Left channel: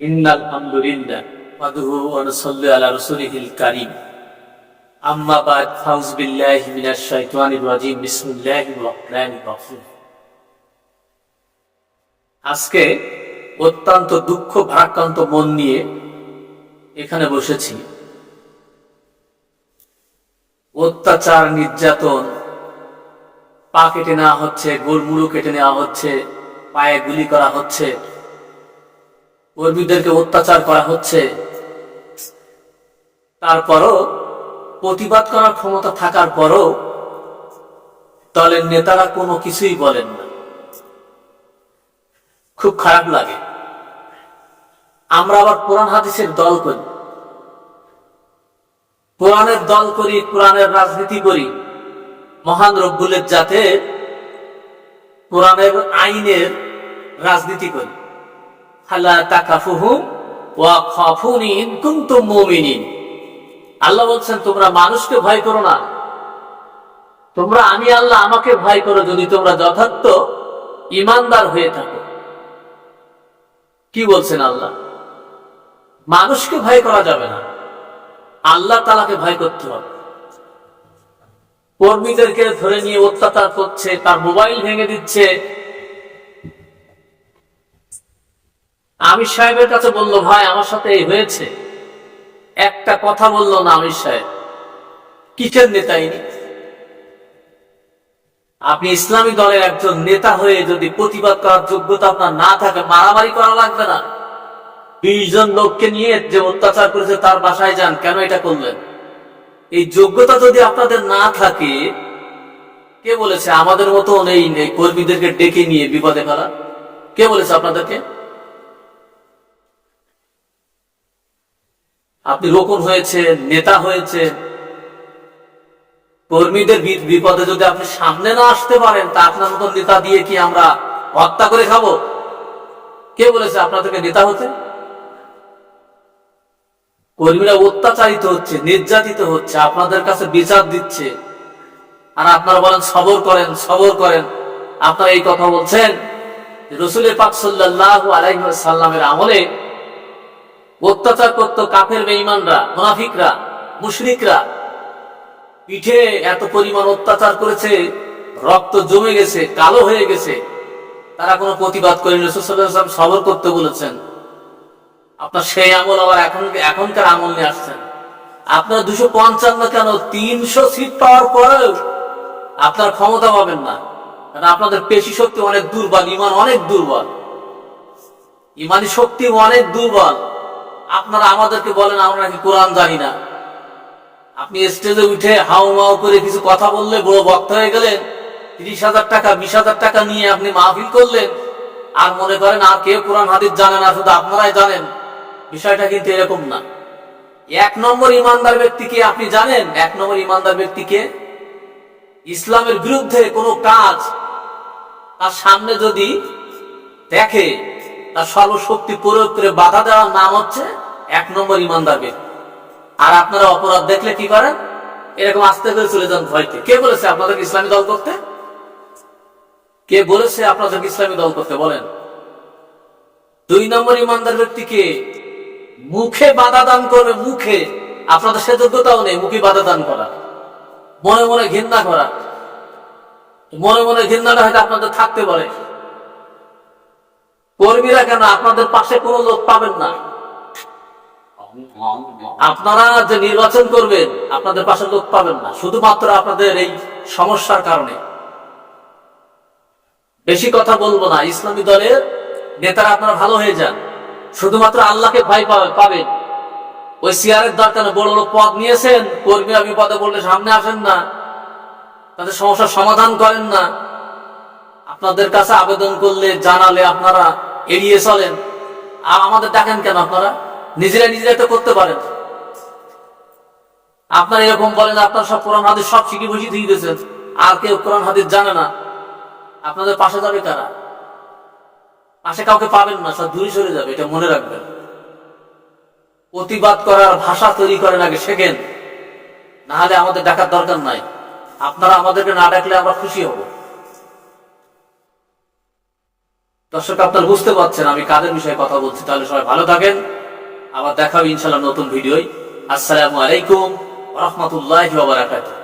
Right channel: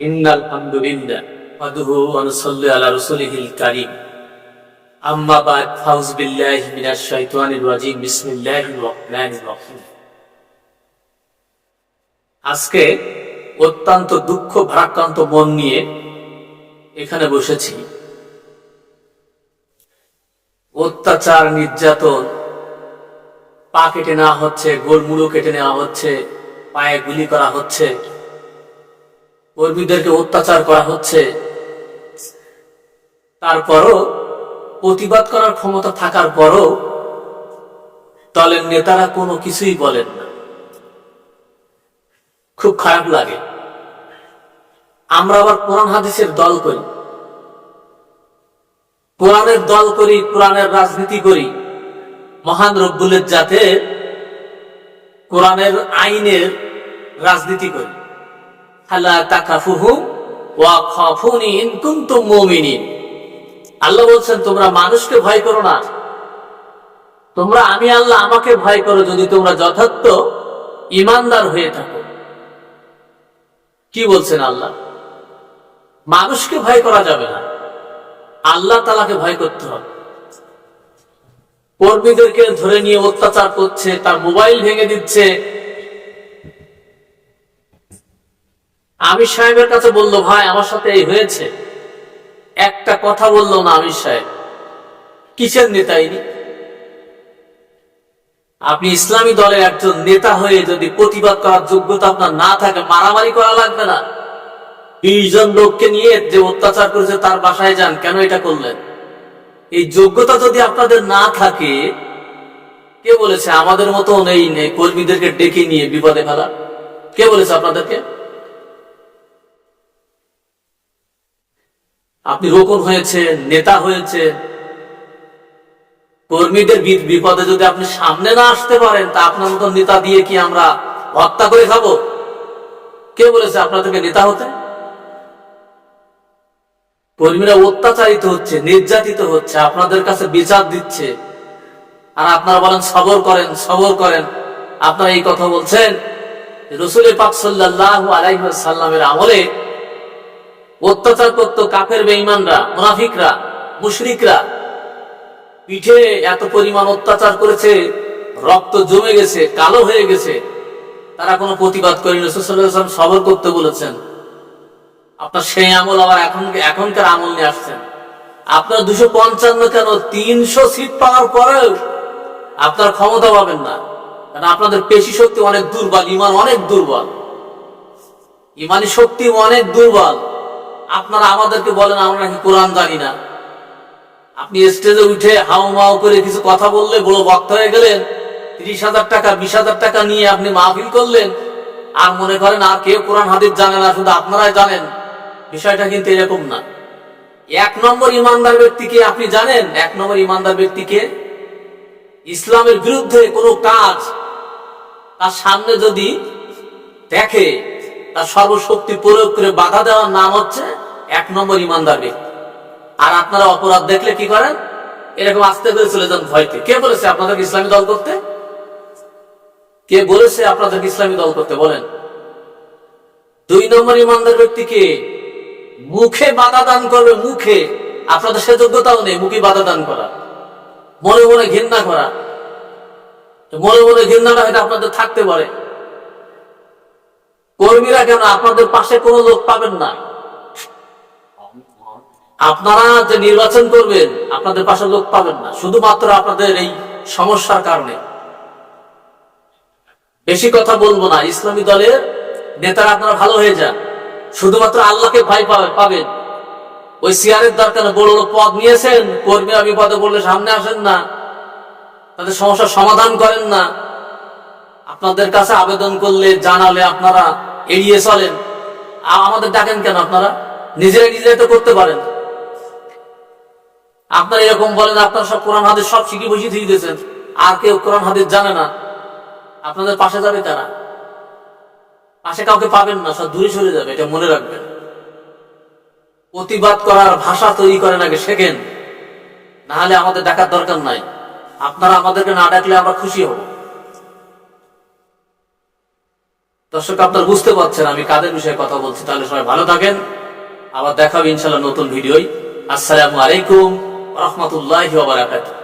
ইন্নাল হামদুলিল্লাহ ওয়াদুহু ওয়া নুসাল্লি আলা রাসূলিহিল কারীম আম্মা বাদ ফাউযু বিল্লাহি মিনাশ শাইতানির রাজীম বিসমিল্লাহির রহমানির রহিম। আজকে অত্যন্ত দুঃখ ভারাক্রান্ত মন নিয়ে এখানে বসেছি। অত্যাচার, নির্যাতন, পা কেটে নেওয়া হচ্ছে, গোড়মুড়ো কেটে নেওয়া হচ্ছে, পায়ে গুলি করা হচ্ছে, কর্মীদেরকে অত্যাচার করা হচ্ছে। তারপরও প্রতিবাদ করার ক্ষমতা থাকার পরও দলের নেতারা কোনো কিছুই বলেন না। খুব খারাপ লাগে। আমরা আবার কোরআন হাদিসের দল করি, কোরআনের দল করি, কোরআনের রাজনীতি করি। মহান রব্বুল ইজ্জাতে কোরআনের আইনের রাজনীতি করি। আল্লাহ তাকাফুহুম ওয়া খাফুনি ইন কুনতুম মুমিনিন। আল্লাহ বলছেন, তোমরা মানুষকে ভয় করো না, তোমরা আমি আল্লাহ আমাকে ভয় করো যদি তোমরা যথার্থ ঈমানদার হয়ে থাকো। কি বলছেন আল্লাহ? মানুষকে ভয় করা যাবে না, আল্লাহ তাআলাকে ভয় করতে হবে। কর্মীদেরকে ধরে নিয়ে অত্যাচার করছে, তার মোবাইল ভেঙে দিচ্ছে। আমির সাহেবের কাছে বলল, ভাই আমার সাথে এই হয়েছে, একটা কথা বললো না আমির সাহেব। কিসের নেতা ইনি? আপনি ইসলামী দলের একজন নেতা হয়ে যদি প্রতিবাদ করার যোগ্যতা আপনার না থাকে, মারামারি করা লাগবে না। 20 জন লোককে নিয়ে যে অত্যাচার করেছে তার বাসায় যান, কেন এটা করলেন? এই যোগ্যতা যদি আপনাদের না থাকে, কে বলেছে আমাদের মতন এই কর্মীদেরকে ডেকে নিয়ে বিপদে ফেলা? কে বলেছে আপনাদেরকে? আপনি রোকন হয়েছেন, নেতা হয়েছেন, কর্মীদের বিপদে যদি আপনি সামনে না আসতে পারেন, তা আপনার মতন নেতা দিয়ে কি আমরা হত্যা করে খাবো? কে বলেছে আপনাদেরকে নেতা হতে? কর্মীরা অত্যাচারিত হচ্ছে, নির্যাতিত হচ্ছে, আপনাদের কাছে বিচার দিচ্ছে, আর আপনারা বলেন সবর করেন, সবর করেন। আপনারা এই কথা বলছেন। রাসূল পাক সাল্লাল্লাহু আলাইহি ওয়াসাল্লামের আমলে অত্যাচার করত কাফের, বেঈমানরা, মুনাফিকরা, মুশরিকরা। পিঠে এত পরিমাণ অত্যাচার করেছে, রক্ত জমে গেছে, কালো হয়ে গেছে, তারা কোনো প্রতিবাদ করেনি। রাসূল সাল্লাল্লাহু আলাইহি ওয়াসাল্লাম সবর করতে বলেছেন। আপনার সেই আমল আবার এখনকার আমল নিয়ে আসছেন। আপনার 255 কেন 300 সিট পাওয়ার পরেও আপনার ক্ষমতা পাবেন না, কারণ আপনাদের পেশি শক্তি অনেক দুর্বল, ইমান অনেক দুর্বল, ইমানি শক্তি অনেক দুর্বল। আপনারা আমাদেরকে বলেন আমরা নাকি কোরআন জানি না। আপনি স্টেজে উঠে হাউ মাউ করে কিছু কথা বললে বড় বক্তা হয়ে গেলেন, 30,000 টাকা 20,000 টাকা নিয়ে আপনি মাহফিল করলেন, আর মনে করেন আর কেউ কোরআন হাদিস জানে না, শুধু আপনারাই জানেন। বিষয়টা কিন্তু এরকম না। 1 নম্বর ইমানদার ব্যক্তিকে আপনি জানেন? 1 নম্বর ইমানদার ব্যক্তিকে ইসলামের বিরুদ্ধে কোনো কাজ তার সামনে যদি দেখে, তার সর্বশক্তি প্রয়োগ করে বাধা দেওয়ার নাম হচ্ছে 1 নম্বর ইমানদার ব্যক্তি। আর আপনারা অপরাধ দেখলে কি করেন? এরকম আস্তে করে চলে যান ভয়কে। কে বলেছে আপনাদেরকে ইসলামী দল করতে? কে বলেছে আপনাদেরকে ইসলামী দল করতে? বলেন। 2 নম্বর ইমানদার ব্যক্তিকে মুখে বাধা দান করবে, মুখে। আপনাদের সে যোগ্যতাও নেই মুখে বাধা দান করা, মনে মনে ঘৃণা করা। মনে মনে ঘৃণাটা হয়তো আপনাদের থাকতে পারে। কর্মীরা কেন, আপনাদের পাশে কোনো লোক পাবেন না। আপনারা যে নির্বাচন করবেন, আপনাদের পাশে লোক পাবেন না, শুধুমাত্র আপনাদের এই সমস্যার কারণে। বেশি কথা বলবো না। ইসলামী দলের নেতারা আপনারা ভালো হয়ে যান, শুধুমাত্র আল্লাহকে ভয় পাবেন। ওই চেয়ারের দরকার, বড় বড় পদ নিয়েছেন, কর্মীরা বিপদে পড়লে সামনে আসেন না, তাদের সমস্যার সমাধান করেন না। আপনাদের কাছে আবেদন করলে, জানালে আপনারা এড়িয়ে চলেন। আমাদের ডাকেন কেন? আপনারা নিজেরাই তো করতে পারেন। আপনারা এরকম বলেন আপনারা সব কোরআন হাদিস সব শিখে বসিয়ে দিয়ে দিয়েছেন, আর কেউ কোরআন হাদিস জানে না। আপনাদের পাশে যাবে কারা? পাশে কাউকে পাবেন না, সব দূরে সরে যাবে, এটা মনে রাখবেন। প্রতিবাদ করার ভাষা তৈরি করেন, আগে শেখেন, না হলে আমাদের ডাকার দরকার নাই। আপনারা আমাদেরকে না ডাকলে আমরা খুশি হব। দর্শক আপনারা বুঝতে পারছেন আমি কাদের বিষয়ে কথা বলছি। তাহলে সবাই ভালো থাকেন, আবার দেখা হবে ইনশাআল্লাহ নতুন ভিডিওয়। আসসালামু আলাইকুম ওয়া রাহমাতুল্লাহি ওয়া বারাকাতুহু।